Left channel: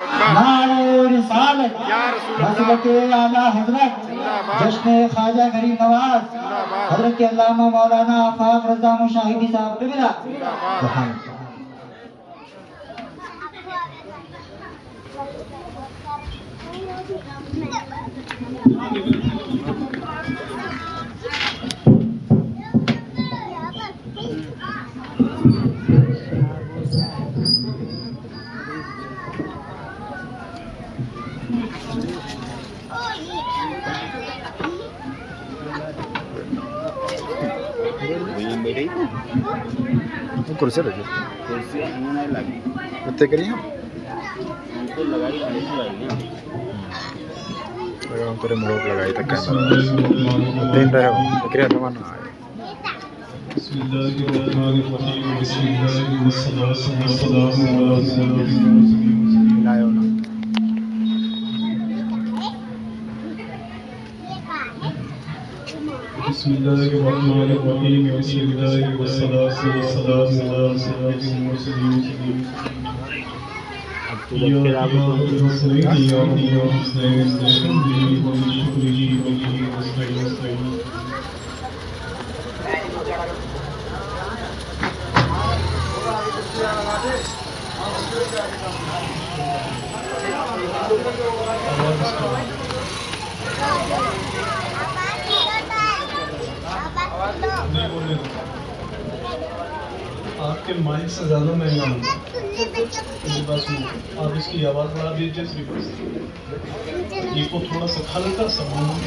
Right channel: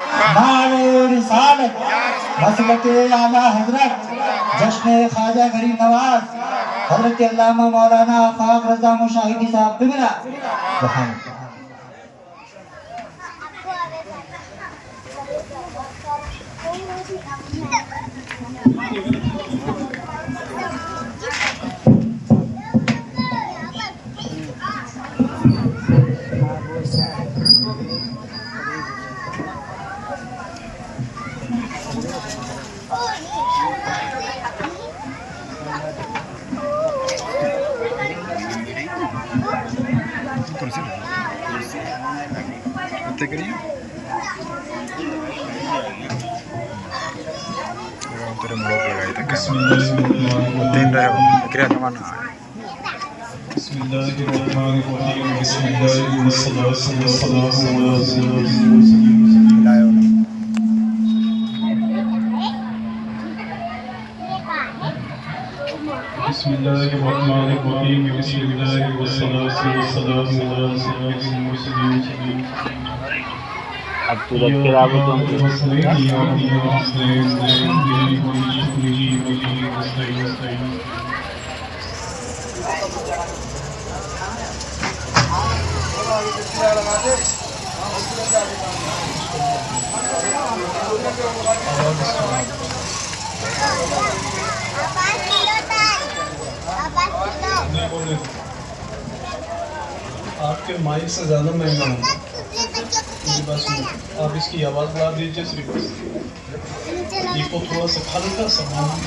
رسالت حضرت اعلیٰ حضرت جشن خواجہ غریب نواز حضرت علامہ مولانا آفاق رضا مشاہدی صاحب قبلہ. کرسی رکھیے اتنے کریے تیرے ملوک لگائی تک تین رہے ہو کریہ نمانا آئے بسم اللہ الرحمن الرحیم بسم اللہ والصلاة والسلام علی سیدنا ملائے ہونا بسم اللہ الرحمن الرحیم بسم اللہ والصلاة والسلام علی سیدنا المرسلین. اب تو رب کے رابط آپ کے مائک سے زیادہ مہنگا ہوں آپ اس کی آواز بڑھا دیجیے صرف یہ کو تھوڑا سا کھل کر سامان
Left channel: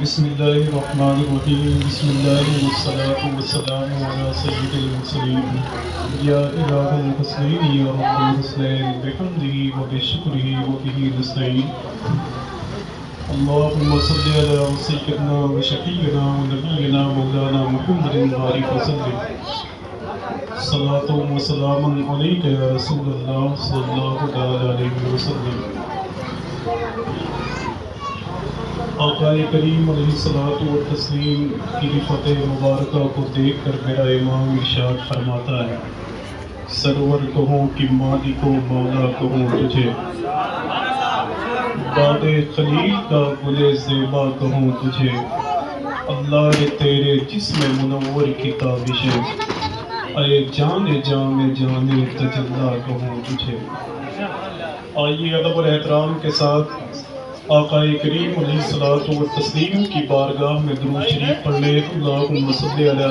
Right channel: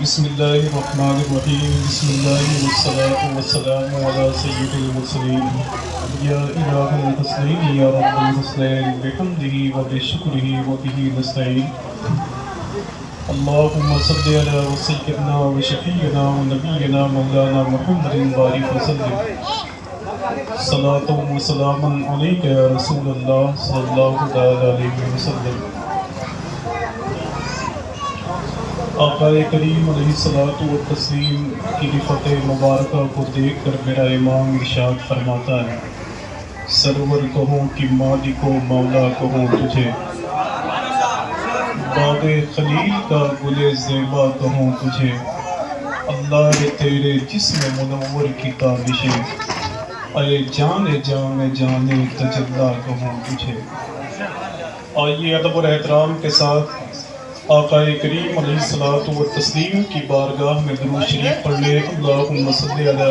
بسم اللہ الرحمن الرحیم بسم اللہ والصلاة والسلام علی سید المرسلین یا الہ الحسنین یا رب الحسنین بحمدہ و بشکرہ و بہ نستعین. اللہم صلی علی سیدنا و شفیعنا و نبینا مولانا محمد بارک وسلم. صلاۃ و سلام علیک یا رسول اللہ صلی اللہ علیہ وسلم. آقا کریم علیہ الصلوۃ والتسلیم کی رفعت مبارکہ کو دیکھ کر میرا امام ارشاد فرماتا ہے سرور کہوں کہ مالک و مولا کہوں تجھے باد خلیل کا گل زیبا کہوں تجھے اللہ تیرے جسم منور کی تابشیں اے جان جام جانے تجلا کہوں تجھے. آئیے ادب اور احترام کے ساتھ آقا کریم علیہ الصلوۃ والتسلیم کی بارگاہ میں درود شریف پڑھنے. اللہم صلی علی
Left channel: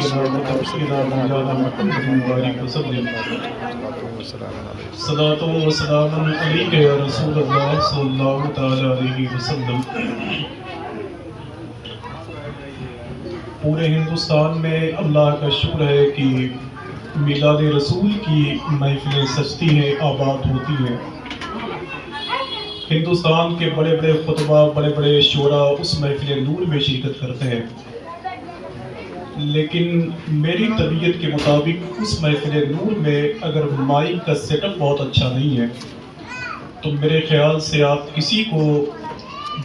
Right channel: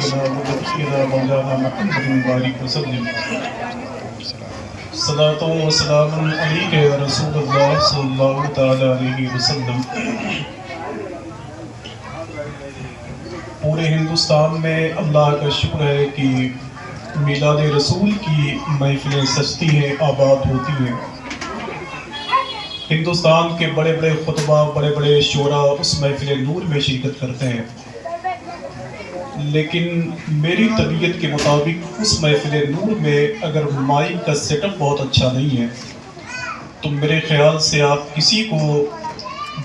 سیدنا محمد وسلم. صلاۃ و سلام علیک یا رسول اللہ صلی اللہ تعالی علیہ وسلم. پورے ہندوستان میں اللہ کا شکر ہے کہ میلاد رسول کی محفلیں سجتی ہیں، آباد ہوتی ہیں. ہندوستان کے بڑے بڑے خطبہ بڑے بڑے شعراء اس محفل نور میں شرکت کرتے ہیں، لیکن میری طبیعت کے مطابق اس محفل نور میں اگر مائک کا سیٹ اپ بہت اچھا نہیں ہے تو میرے خیال سے آپ کسی کو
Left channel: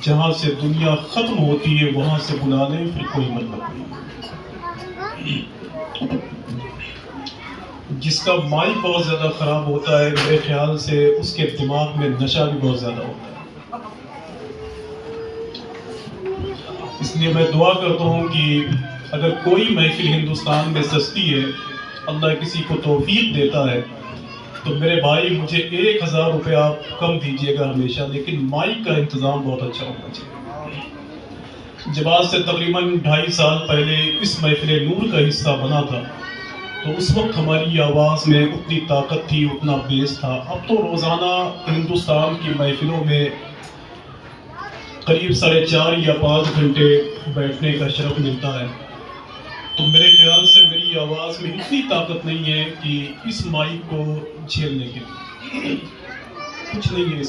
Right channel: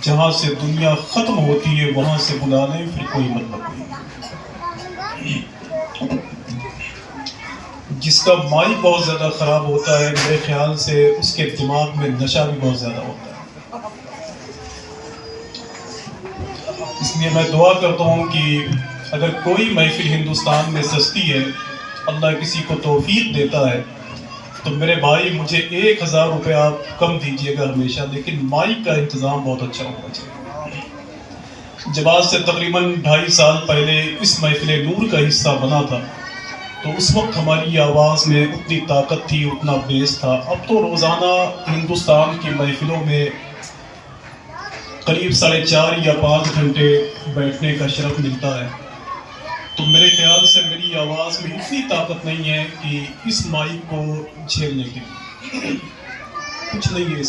جہاں سے دنیا ختم ہوتی ہے وہاں سے بلا لیں، پھر کوئی مطلب نہیں. جس کا مائک بہت زیادہ خراب ہوتا ہے میرے خیال سے اس کے دماغ میں نشہ بھی بہت زیادہ ہوتا ہے. اس لیے میں دعا کرتا ہوں کہ اگر کوئی محفل ہندوستان میں سجتی ہے، اللہ کسی کو توفیق دیتا ہے، تو میرے بھائی مجھے 1000 روپے آپ کم دیجیے گا ہمیشہ، لیکن مائک کا انتظام بہت اچھا ہونا چاہیے. جب آج سے تقریباً 2.5 سال پہلے اس محفل نور کا حصہ بنا تھا تو اس وقت ہماری آواز میں اتنی طاقت تھی، اتنا بیس تھا. اب تو روزانہ ہندوستان کی محفلوں میں قریب 4.5 یا 5 گھنٹے بیٹھنے کا شرف ملتا ہے. تو میرے خیال سے میری آواز میں اتنی طاقت نہیں ہے کہ اس مائک کو جھیلنے کے لیے. کچھ نہیں ہے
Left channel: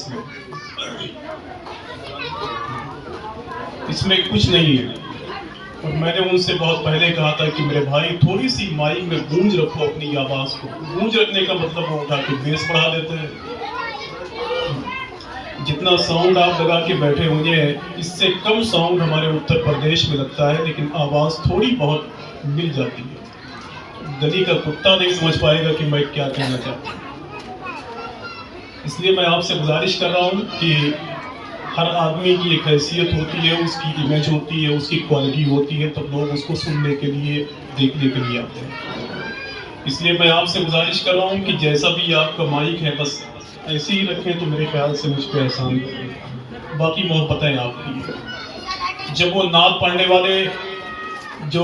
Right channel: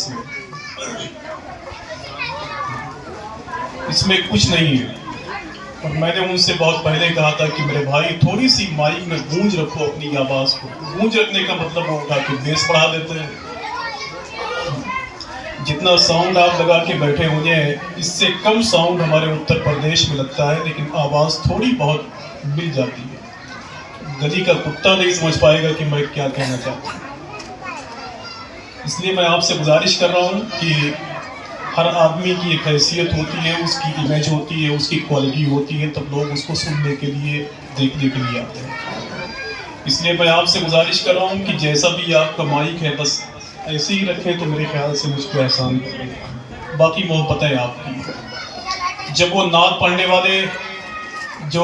اس میں کچھ نہیں ہے. اور میں نے ان سے بہت پہلے کہا تھا کہ میرے بھائی تھوڑی سی مائک میں گونج رکھو اپنی آواز کو. گونج رکھنے کا مطلب وہ اٹھا کہ بیس بڑھا دیتے ہیں. جتنا ساؤنڈ آپ لگا کے بیٹھے ہوئے ہیں اس سے کم ساؤنڈ ہمارے اتر پردیش میں لگتا ہے، لیکن آواز تھوڑی بہت مل جاتی ہے۔ گلی کا کتا نہیں سمجھ پائے گا کہ میں کیا کہنا چاہتا ہوں۔ اس لیے میں آپ سے گزارش کر رہا ہوں کہ ہر آدمی کی ایک حیثیت ہوتی ہے، اس کی امیج ہوتی ہے، اس کی کوالٹی ہوتی ہے، تب لوگ اس کو سننے کے لیے، دیکھنے کے لیے آتے ہیں۔ اس لیے میں آپ سے گزارش کر رہا ہوں کہ جیسا بھی آپ کا مائک ہے بس ایسے ہی رکھیں تو میرے خیال سے مجھ کو احسان کریں، باقی محبتیں آپ کی۔ جب وہ نعت پڑھنے والے جو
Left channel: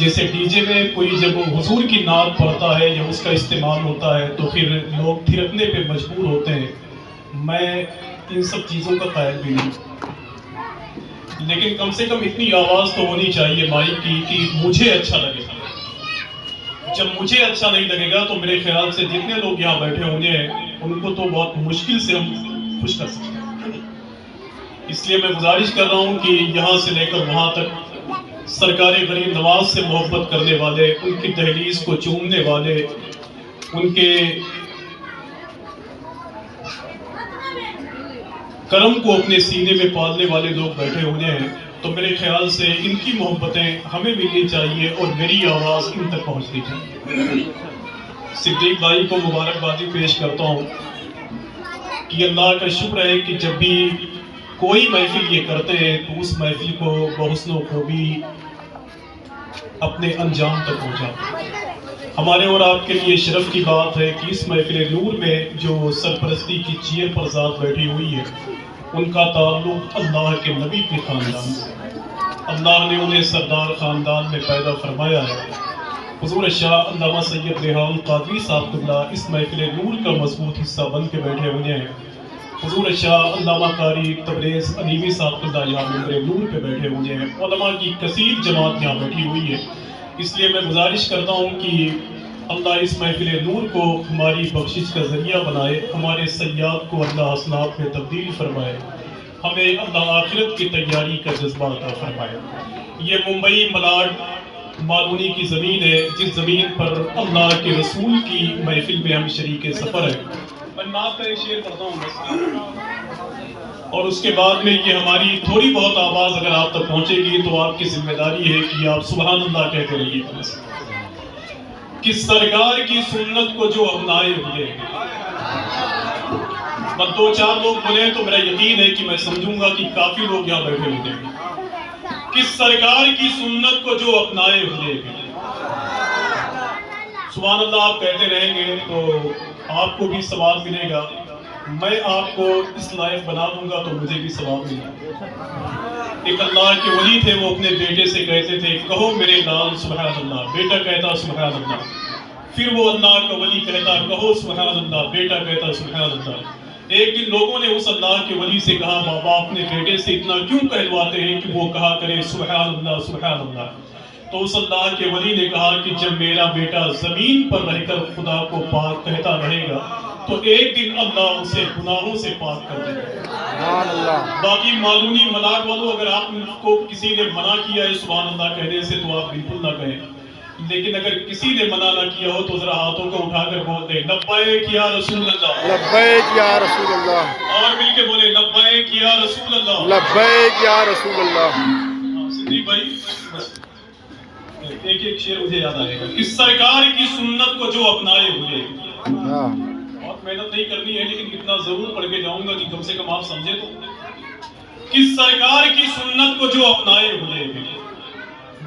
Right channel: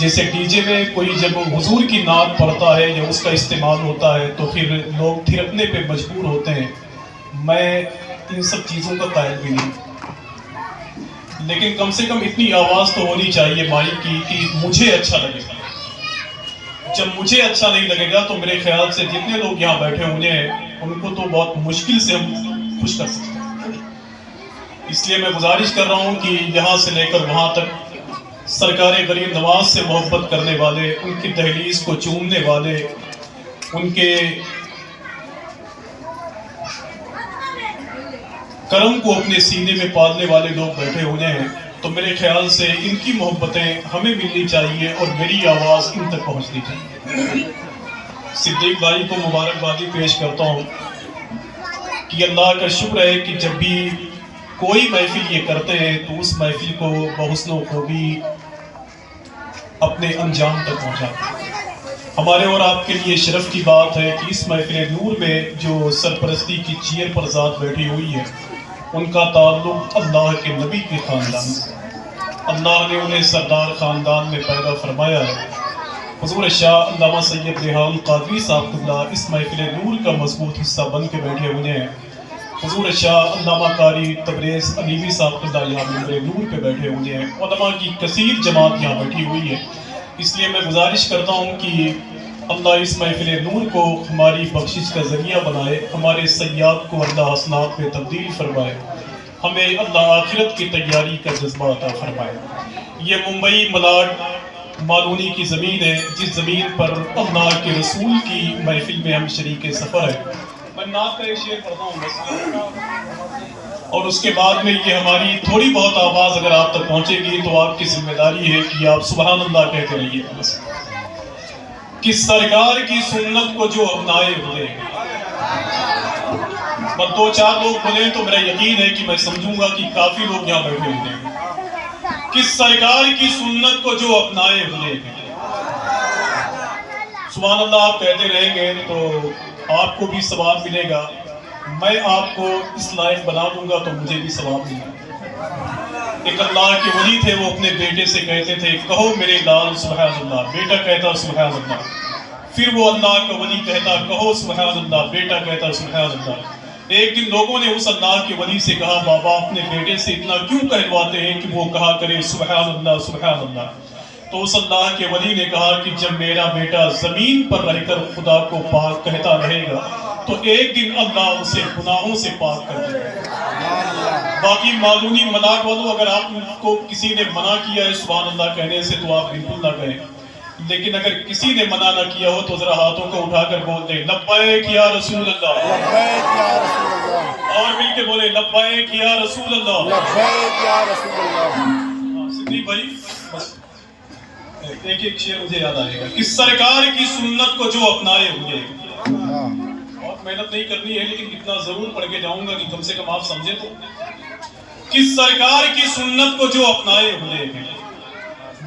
جیسے ڈی جے میں کوئی جب حضور کی نعت پڑھتا ہے یا اس کا استعمال ہوتا ہے تو پھر لوگ تھرکنے پہ مجبور ہوتے ہیں، میں ان سب چیزوں کا قائل بھی نہیں، لیکن کم سے کم اتنی آواز تو ہونی چاہیے مائک کی کہ مجھے اچھا لگے۔ جب مجھے اچھا نہیں لگے گا تو میرے خیال سے جتنے لوگ یہاں بیٹھے ہوئے ہیں ان کو تو بہت مشکل سے ہم خوش کر سکتے ہیں۔ اس لیے میں گزارش کر رہا ہوں کہ یہاں سے لے کر وہاں تک سرکار غریب نواز سے محبت کرنے والے، ان کی دہلیز کو چومنے والے، ان کے کرم کو اپنے سینے میں پالنے والے لوگ بیٹھے ہوئے ہیں، تو میرے خیال سے ان کی محبتیں ہمیں ملنی چاہیے اور میری آواز ان تک پہنچنی چاہیے۔ صدیق بھائی کو مبارکبادی پیش کرتا ہوں کہ اللہ کا شکر ہے کہ جب بھی کوئی محفل یہ کرتے ہیں تو اس محفل کو بحسن و خوبی اپنے انجام تک پہنچاتے ہیں۔ ہمارے اور آپ کے لیے شرف کی بات ہے کہ اس محفل نور میں جو سرپرستی کی چیئر پر ذات بیٹھی ہوئی ہے ان کا تعلق اللہ کے نبی کے خاندان سے، اللہ نے انہیں سردار خاندان میں پیدا فرمایا ہے۔ حضور شاہ علامہ سید ریحان قادری صاحب اللہ اس محفل نور کا مضبوط حصہ بن کے بیٹھے ہوئے ہیں۔ حضور شاہ علامہ قاری تبریز علیمی صاحب اللہ یہاں ممبر نور پہ بیٹھے ہوئے ہیں، علماء کی کثیر جماعت یہاں بیٹھی ہوئی ہے۔ اس لیے میں گزارش کرتا ہوں کہ اللہ اس محفل نور کو ہماری بخشش کا ذریعہ بنائے، ہمارے سیاد کو اللہ حسنات میں تبدیل فرمائے، ہمیں اللہ آخرت کی تیاری کا جذبہ عطا فرمائے۔ یہ ممبئی ملاڈ مالونی کی زمین ہے جس زمین پر اللہ کے رسول کی محفل میں ہم شریک سفر ہے۔ میں نعت کا ایک شعر پڑھتا ہوں اور اس کے بعد میں یہ ہماری تھوڑی بہت آواز اگر آپ تک پہنچے گی تو آپ کی ذمہ داری ہے کہ آپ سبحان اللہ کہتے رہیے کہ سرکار کی سنت کو جو اپنائے ہوئے ہیں۔ بس دو چار لوگ بولے تو میرا یقین ہے کہ میں سمجھوں گا کہ کافی لوگ یہاں بیٹھے ہوئے ہیں کہ سرکار کی سنت کو جو اپنائے ہوئے ہیں۔ سبحان اللہ آپ کہتے رہیں گے تو آپ کو بھی ثواب ملے گا، میں آپ کو اس لائق بنا دوں گا تو مجھے بھی ثواب ملے گا۔ ایک اللہ کے ولی تھے، وہ اپنے بیٹے سے کہتے تھے کہو میرے لال سبحان اللہ، بیٹا کہتا سبحان اللہ، پھر وہ اللہ کا ولی کہتا کہو سبحان اللہ، بیٹا کہتا سبحان اللہ۔ ایک دن لوگوں نے اس اللہ کے ولی سے کہا بابا اپنے بیٹے سے اتنا کیوں کہلواتے ہیں کہ وہ کہا کرے سبحان اللہ سبحان اللہ؟ تو اس اللہ کے ولی نے کہا کہ جب میرا بیٹا زمین پر رہ کر خدا کو پاک کہتا رہے گا تو ایک دن اللہ اسے گناہوں سے پاک کر دے گا۔ باقی معلومی ملاڈ والوں اگر آپ کو کسی نے منع کیا ہے سبحان اللہ کہنے سے تو آپ بالکل نہ کہیں، لیکن اگر کسی نے منع نہ کیا ہو تو ذرا ہاتھوں کو اٹھا کر بول دیں لبیک یا رسول اللہ، لبیک یا رسول اللہ، اور مل کے بولے لبیک یا رسول اللہ، لبیک یا رسول اللہ۔ صدیق بھائی ایک شعر مجھے یاد آئے گا کہ سرکار کی سنت کو جو اپنائے ہوئے، بہت محنت نہیں کرنی ہے لیکن اتنا ضرور پڑھ کے جاؤں گا کہ کم سے کم آپ سمجھے تو کہ سرکار کی سنت کو جو اپنائے ہوئے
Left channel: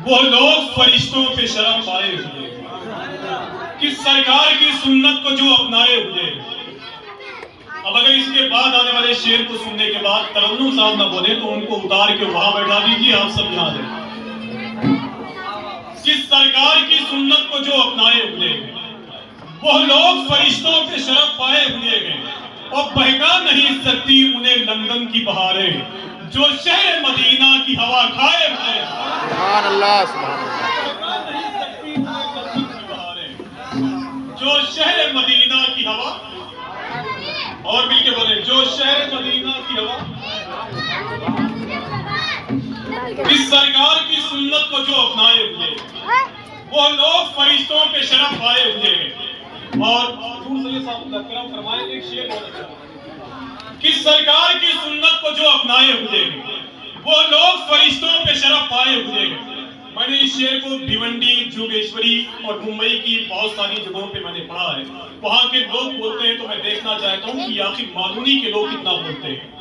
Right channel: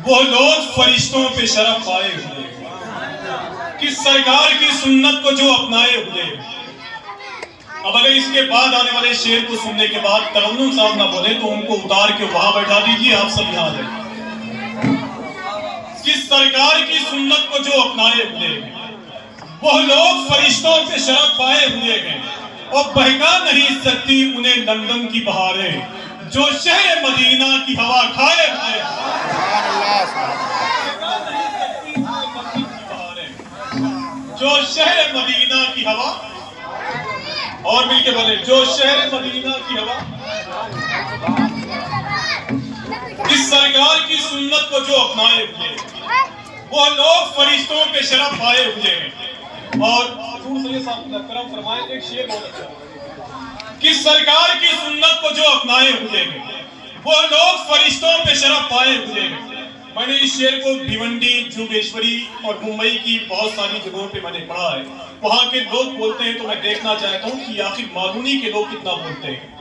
وہ لوگ فرشتوں پہ شرف پائے ہوئے، کہ سرکار کی سنت کو جو اپنائے ہوئے۔ اب اگر اس کے بعد آنے والے شعر کو سننے کے بعد ترنم صاحب نہ بولے تو ان کو اتار کے وہاں بیٹھا دیجیے، آپ سب یہاں رہیں۔ کہ سرکار کی سنت کو جو اپنائے ہوئے وہ لوگ فرشتوں پہ شرف پائے ہوئے ہیں، اور بہکا نہیں سکتی انہیں لندن کی بہاریں جو شہر مدینہ کی ہوا کھائے کھائے۔ سبحان اللہ سبحان اللہ۔ جو شہر مدینہ کی ہوا، اور مل کے بولے جو شہر مدینہ کی ہوا، اس سرکار کی سنت کو جو اپنائے ہوئے وہ لوگ فرشتوں پہ شرف پائے ہوئے ہیں۔ اور حضور صلی اللہ علیہ وسلم کرم فرمائے ایک شعر بہت اچھا کہ سرکار کی سنت کو جو اپنائے ہوئے ہیں وہ لوگ فرشتوں پہ شرف پائے ہوئے ہیں۔ میں نے اس شعر کو بھیونڈی، جوگیشوری اور ممبئی کی بہت ساری جگہوں پہ میں نے پڑھا ہے۔ وہاں کے لوگ بولتے ہیں تو میں دیکھنا چاہتا ہوں کہ آخر معلومی کے لوگ کتنا بولتے ہیں۔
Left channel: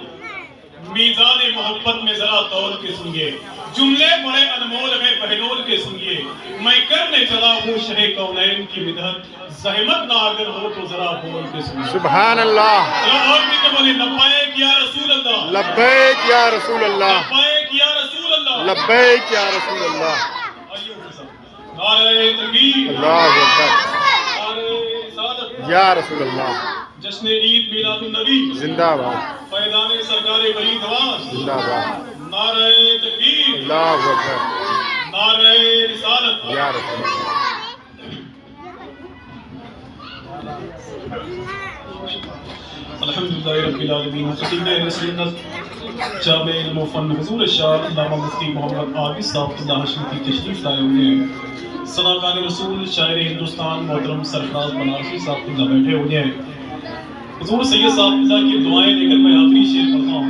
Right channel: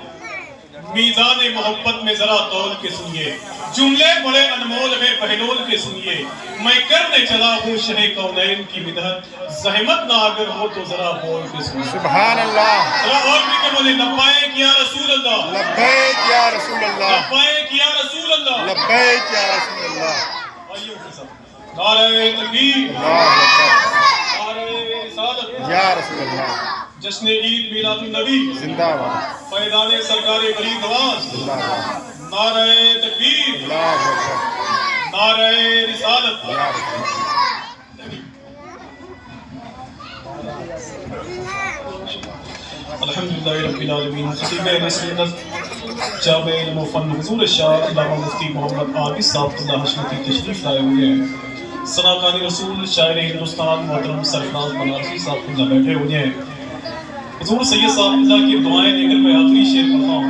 میزان محبت میں ذرا تول کے سنیے، جملے بڑے انمول میں بہلول کے سنیے، میں کرنے چلا ہوں شہ کونین کی مدحت، زحمت نہ اگر ہو تو ذرا بول کے سنیے۔ سبحان اللہ، ذرا اور بھی کہ بولے لبیک یا رسول اللہ، لبیک یا رسول اللہ، لبیک یا رسول اللہ، لبیک یا رسول اللہ۔ نعرہ تکبیر، اللہ اکبر، نعرہ رسالت، یا رسول اللہ، جشن عید میلاد النبی، زندہ باد، فیضان سرکار بری نواز، زندہ باد، نعرہ تکبیر، اللہ اکبر، نعرہ رسالت۔ یا رسول اللہ۔ الحمدللہ رب العالمین، خطیب اہل سنت جامع علم و فن حضور الشاہ علامہ مفتی محمد عابد صاحب اللہ حشمتی تشریف لائے ہوئے ہیں۔ ثناکار رسول شاعر ہندوستان محترم سرفراز بنارسی صاحب اللہ بیٹھے ہوئے ہیں۔ حضور سید صاحب اللہ کی دعائیں لے کر میں آخری شعر پڑھتا ہوں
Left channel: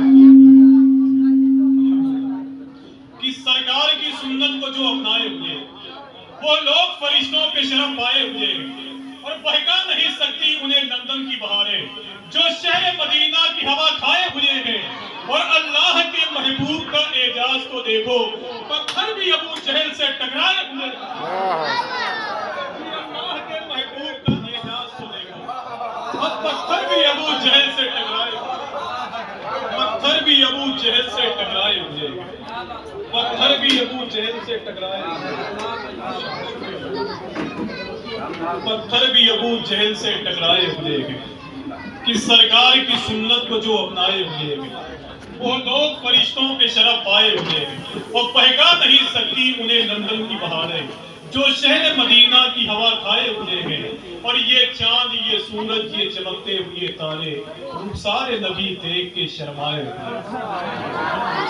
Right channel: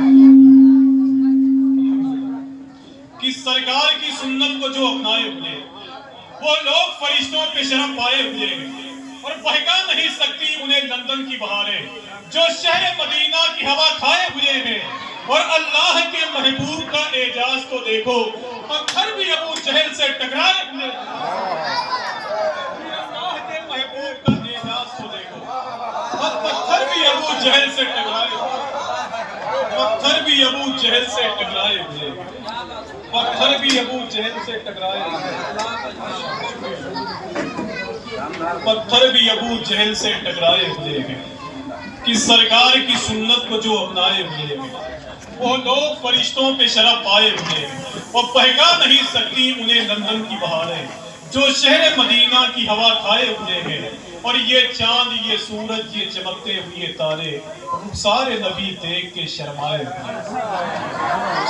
کہ سرکار کی سنت کو جو اپنائے ہوئے وہ لوگ فرشتوں کے شرف پائے ہوئے ہیں اور بہکا نہیں سکتی انہیں لندن کی بہاریں، جو شہر مدینہ کی ہوا کھائے ہوئے ہیں اور اللہ کے محبوب کا اعجاز تو دیکھو، پتھر بھی ابو جہل سے ٹکرائے ہوئے ہیں۔ اللہ کے محبوب کا اعجاز تو دیکھو، پتھر بھی ابو جہل سے ٹکرائے ہوئے ہیں، پتھر بھی ابو جہل سے ٹکرائے ہوئے ہیں، پتھر بھی ابو جہل سے ٹکرائے ہوئے ہیں، پتھر بھی ابو جہل سے ٹکرائے ہوئے ہیں کہ سرکار کی سنت کو جو اپنائے ہوئے ہیں وہ لوگ فرشتوں پہ شرف پائے ہوئے ہیں، وہ بہکا نہیں سکتی انہیں لندن کی بہاریں، جو شہر مدینہ کی ہوا کھائے ہوئے ہیں اور یہ چاند، یہ سورج، یہ چمکتے ہوئے تارے سارے نبی دیکھ کے شرمائے ہوئے ہیں،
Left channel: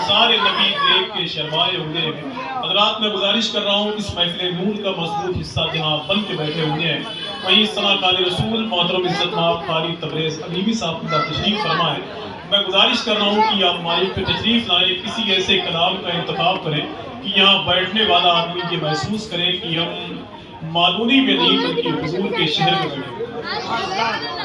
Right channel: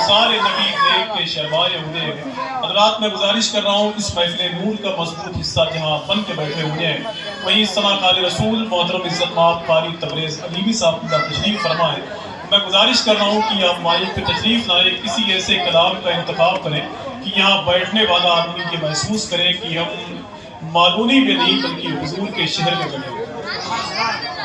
سارے نبی دیکھ کے شرمائے ہوئے ہیں۔ حضرات میں گزارش کر رہا ہوں اس محفل نور کا مضبوط حصہ جہاں بن کے بیٹھے ہوئے ہیں وہیں ثناکار رسول محترم عزت مآب قاری تبریز علیمی صاحب کا تشریف فرما ہے۔ میں گزارش کر رہا ہوں کہ آپ مائک پہ تشریف لائیں، کسی ایسے کلام کا انتخاب کریں کہ یہاں بیٹھنے والا آدمی یہ محسوس کرے کہ ہم معلومی میں نہیں بلکہ حضور کے شہر میں بیٹھے ہیں۔